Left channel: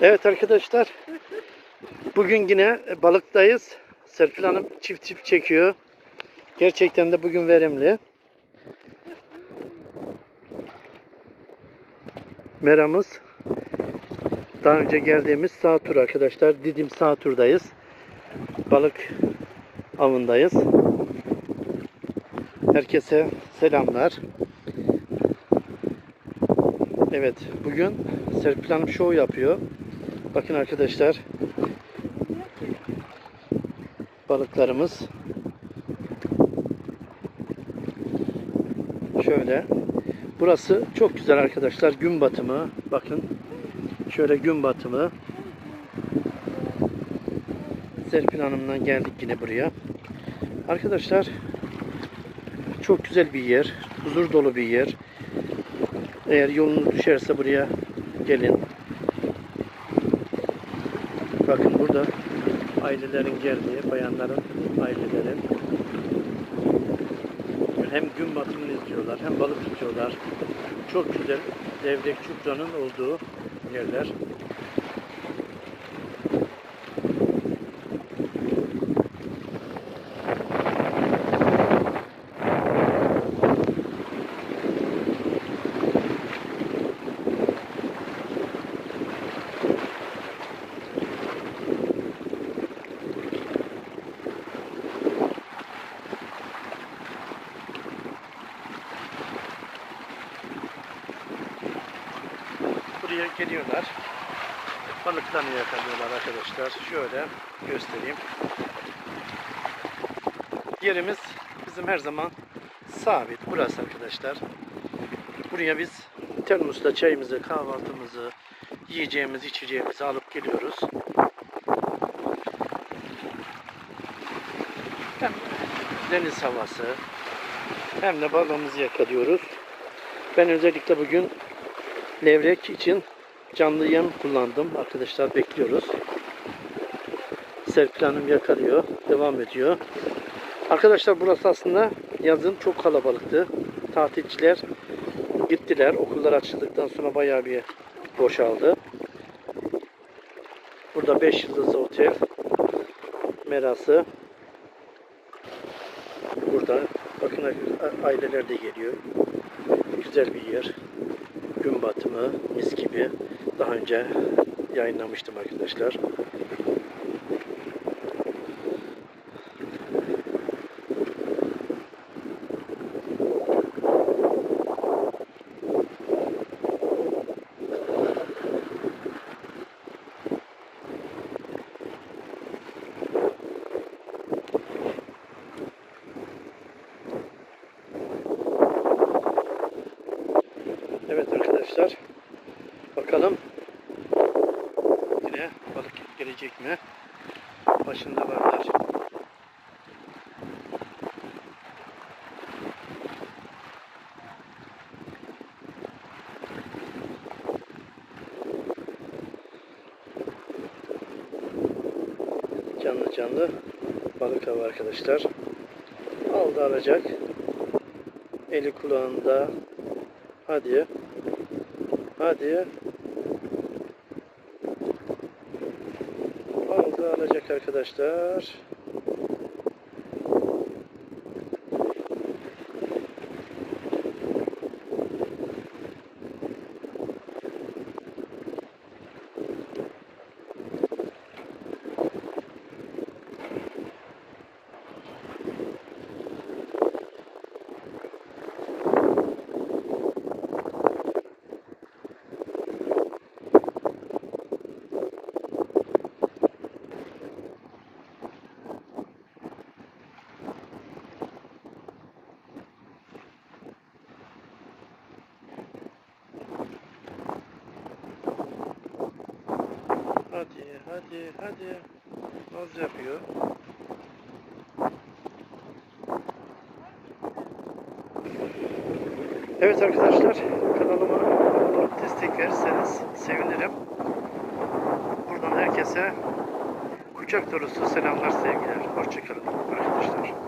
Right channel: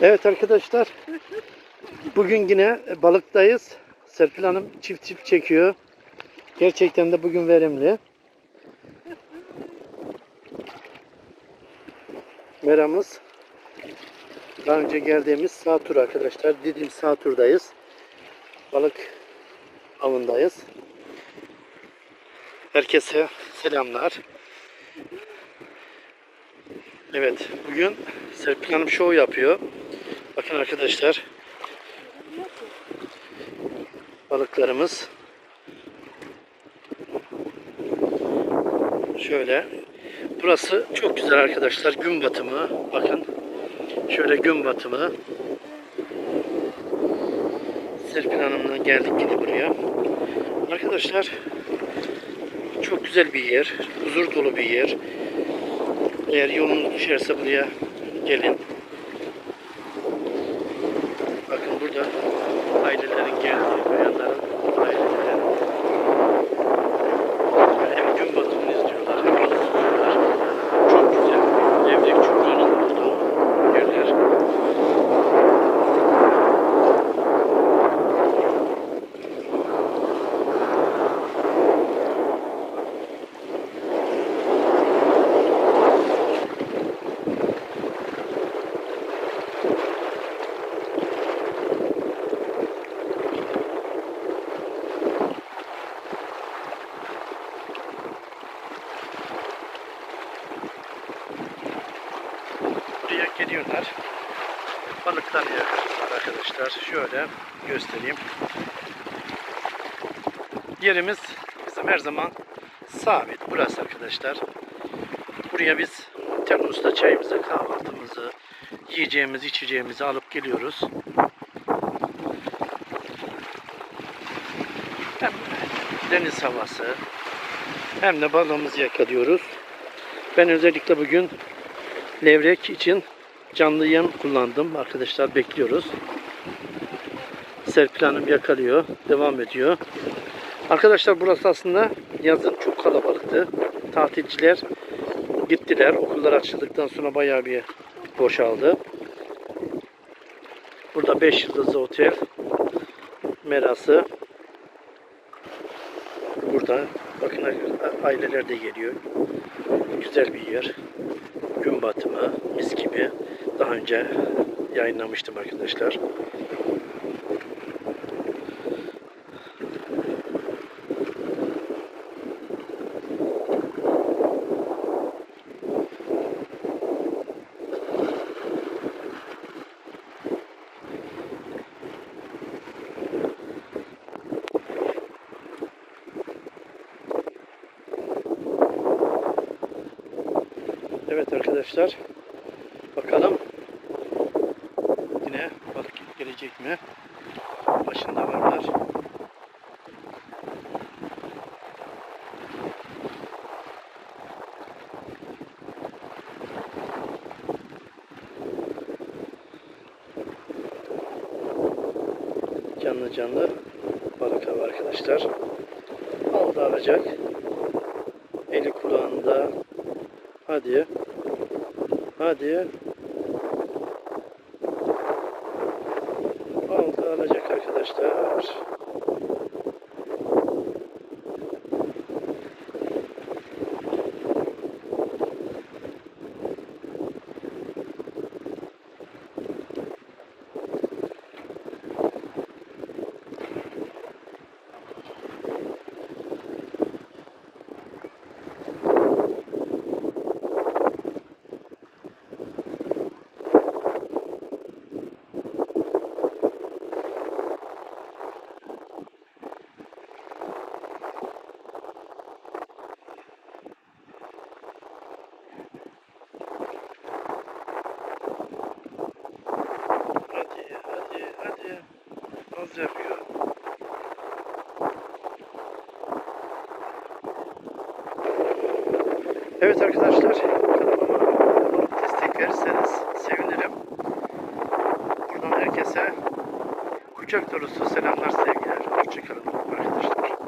Evet arkadaşlar. Bugün yine balıktayız. Serpil Hanım çift çift çekiyor. Gerçekten de bugün verimli. Meramız daha önce geldiğimiz sağ tur arkadaşlar. Didim sağ turdayız. Balık avındayız. Herkese selamlar. Evet, bugün Serpil Hanım show yapıyor. Bakın arkadaşlar. Balıklarımız. Şöyle. Burası çok güzel arkadaşlar. Gün batımı. Bakın. Şöyle gün batımı. Serpil Hanım'la geldik yine buraya. Arkadaşlar çok güzel bir yer. Huzur dolu bir yer. Eğer yolunuz düşerse buraya gelin. Bakın burada ailelerin geldiği, bayanların aileleri hem gün batımını izliyorlar hem balık tutuyorlar. Çok güzel. Levrek çupranın olduğu yerler. Geliyorlar. Balıklarını yakalıyorlar arkadaşlar. Şöyle göstereyim. Yerimiz bizim her zaman sabit. Burası arkadaşlar. Buraya biz termosta çayımızı, kahvaltımızı, yiyeceğimizi, içeceğimizi alıp geliyoruz. Hem deniz havası hem de balığımızı yakalıyoruz. Ben özellikle bugün levrek için canlı yem kullandım. Arkadaşlar bekliyoruz. Serpil Hanım yakalıyor. Devam ediyor. Arkadaşlar burası aslında yazın çok kalabalıktı. Tatilciler gittiler. Okullar açıldıktan sonra bayağı bir boşaldı. Burada 5 yıldızlı otel merası. Burada bakın aileler de geliyor. Güzel bir yer gün batımı mis gibi daha önce yayınlamıştım arkadaşlar. Evet arkadaşlar. Bakalım yine balık gelecek mi? Başında varlar. Canlı canlı balık avı arkadaşlar. Aldı alacak. Eli kulağında. Hadi. Hadi. Aldı alacak arkadaşlar. Hadi hadi hadi. Az yapıyor. Evet arkadaşlar kanalıma destek verirseniz sevinirim. Buradan herkese kucak dolusu selamlar sevgiler. Hoşçakalın arkadaşlar.